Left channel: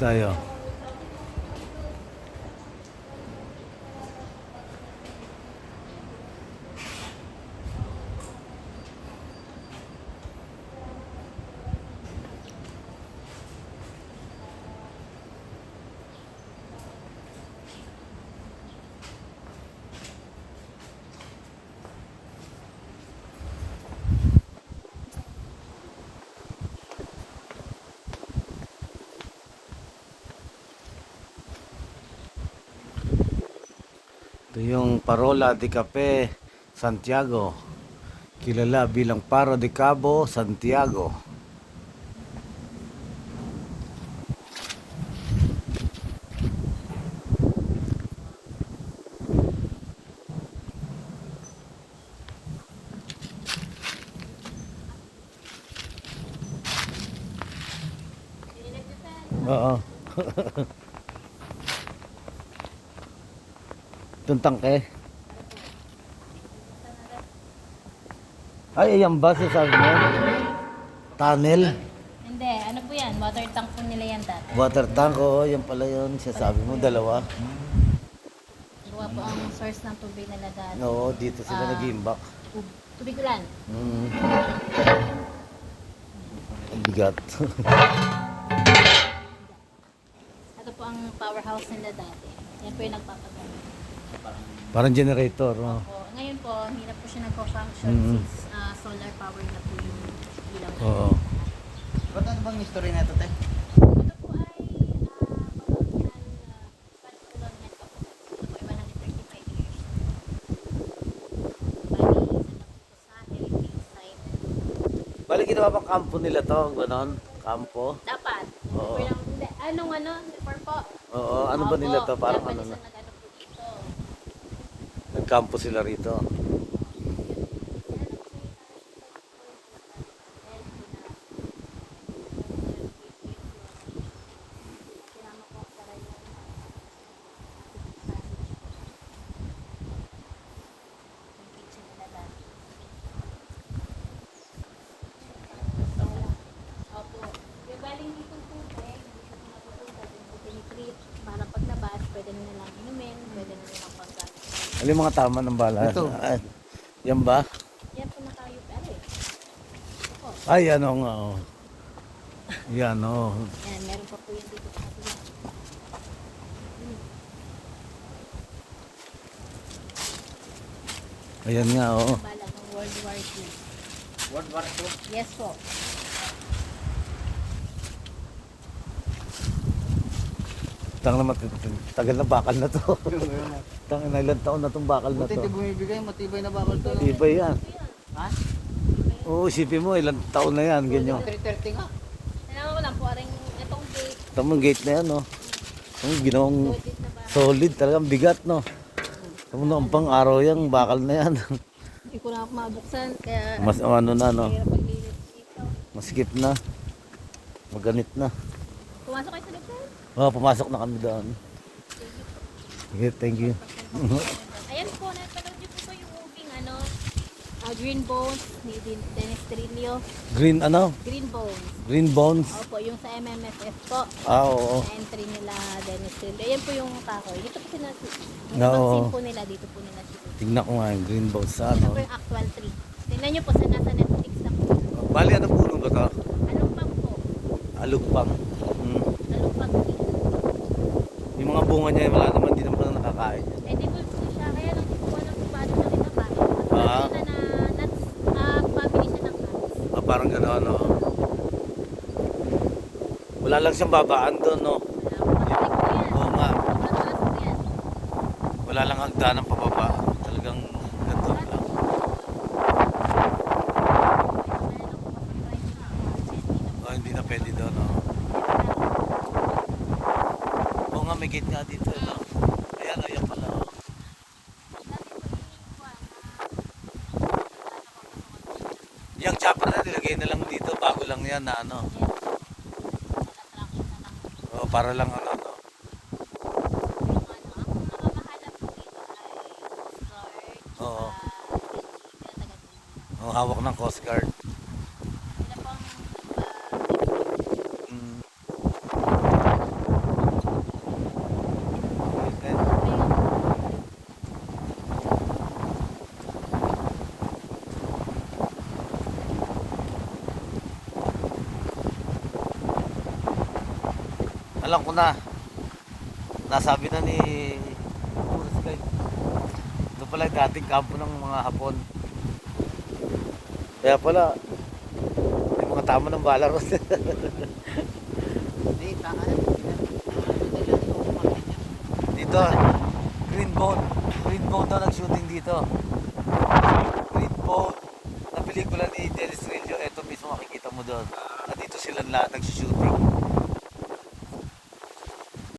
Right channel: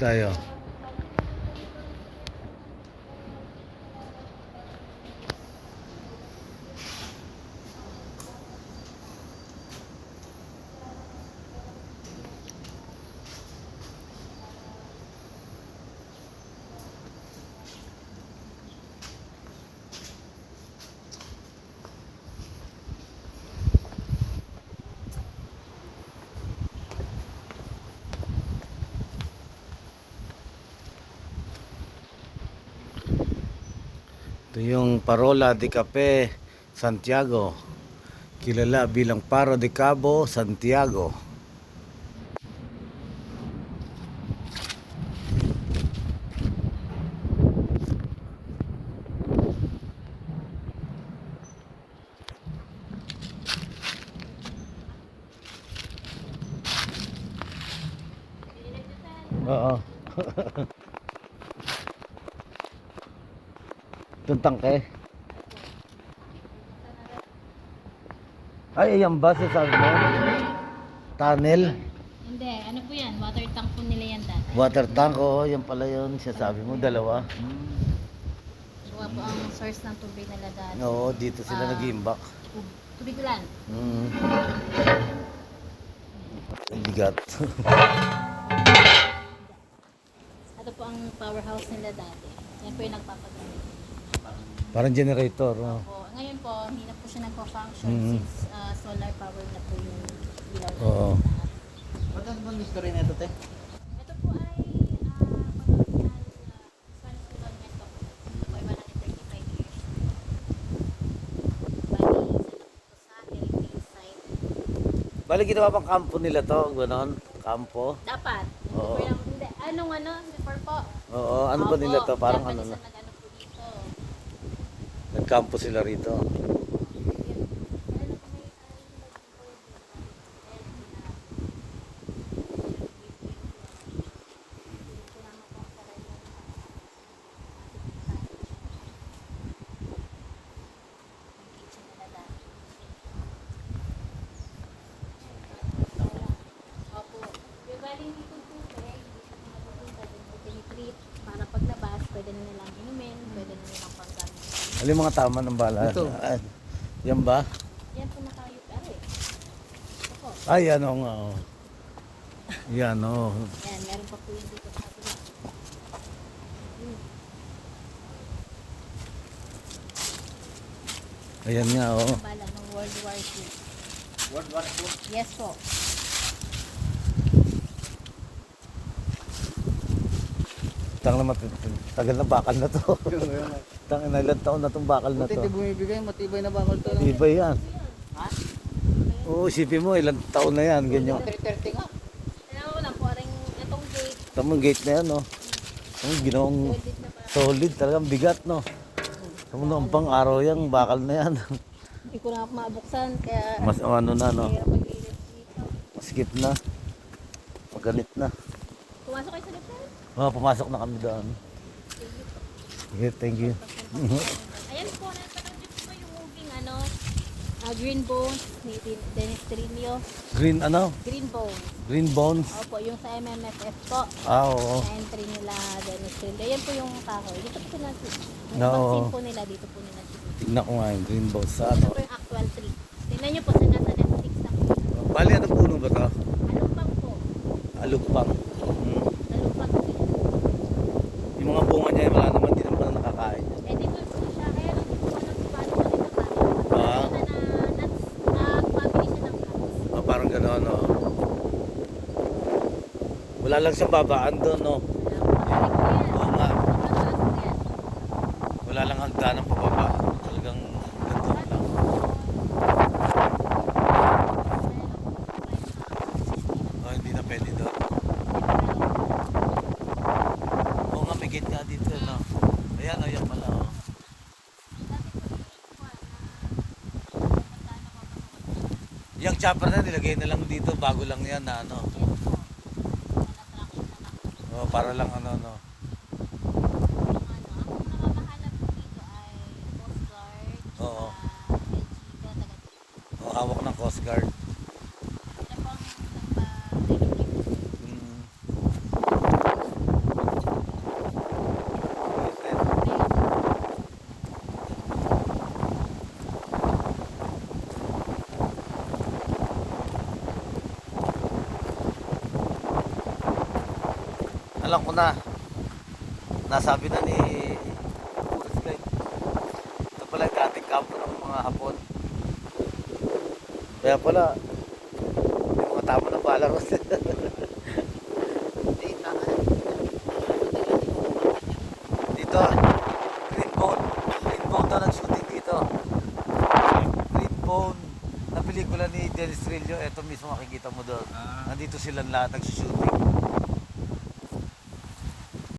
tayo. Ito yung Parola de Cape Santiago, kilala bilang Faro de Cabo Santiago. Oo. Itong tangke. Ay, ayan ba sasabi mo? Tunnel? Hindi, ano po yan? Water tank po nila yan dati. Water tank, oo, yan pala yun. Sasabi mo, dalawa. Gawa po ang source ng tubig nila dati. Oo, dito sila nag-iimbak. Tubig ulan. Ang bigat. Ito po ang powerhouse nila dati. Yan po yung nagpapagamit. Parang generator, no? Po. Ngayon po, hirap po siya nagko-function since solar power na po yung ilaw. Oo. Ba't ano bang history na ito, te? Ito po ay pan-colonial pa po. Iba ng 35 years. Bali, sa hillside. Bali, ginawa bang kampo nila to? Ganon? Kampo? Dapat. Oo. Hindi, anong before po? Oo, ano ba nila to? Parang ano na? Nag-ano po dito. Nagkampo sila rito. Para paglabas, pwede na nilang inumin, pwede na nilang panggamit. Ano yung mga tama ng bala? Ito. Yan ba? Yan po nakayot ari. Ito po. Ay, ano nga. Oh. Yan, oh. Yan, meron pa po yung dito sa kabila. Ayan nga, oh. Bala ng World War II. World War II? Yes po. Tang naman, tagal na bakal na to. Tang na ilang taon na tong bakal na Buti to. ito bumibigay, matibay na bakal to. Iba yan. Ha? Oo, isipin mo, ilang taon na yan, ganyan. 330 nga. Kaya ko lang po, aring itong gate. Tamang gate na yan, no? Ang ginawang Gate na ba? solid, talagang bigat, no? Tama na, ang pang araw yan, bakal na yan. Hindi ko na mabuksan, kaya Mas ano na, no? kaya paglilit dito. Maskip na. Maganit na. Pumasok kayo sa loob. Pumasok na kami doon. Yeah, thank you. Ayan po, napanood niyo po yung moving Green Bones, Dennis Trillo. Green ano? Green Bones. Green Bones. Opo, yung sa MMFF po. Oo. Entry nila Dennis Trillo. Ayan po yung tako. Dito po sinasi. Oo. Yung po nila, dito po nila sinasi. Tignan ko nga yung Green Bones sa Ito ano. po yung actual tree. Tingnan niyo po sa nasa Netflix na po. Bali, anong puno ba to? Alupag po. Alugpang. Alupag tree. Yung mga bunga niya, wala naman, di naman nakakain. Eh, di po siya, kaya lang po ano kung paano na rin napanin. Ah. Family siya ng house. Parang gano'n, no? Wala lang siyang babaan doon, no? Oo nga. Wala lang hagdanan pababa. Talagang ganito lang. Oh, hindi na pwede doon. Oo nga, may gate nga dito, no? Ayan, ayan pala, oh. Yung chopper na nilagay na lang dito, bago lang yan na ano. Oh, para lang ano, no? Oo. Oh, hawak ng Coast Guard. Mm. Alam ko na. Nasabi na ni tourist guide. Ito pala yung dating kampo ng mga Hapon. Kaya pala, yung mga tama ng Balaros. Dito, Green Bone na nag-shooting dito. Green Bone na pelikula ni Dennis Trillo. Ito mismo makikita mo doon. Nandito silang lahat nag-shooting.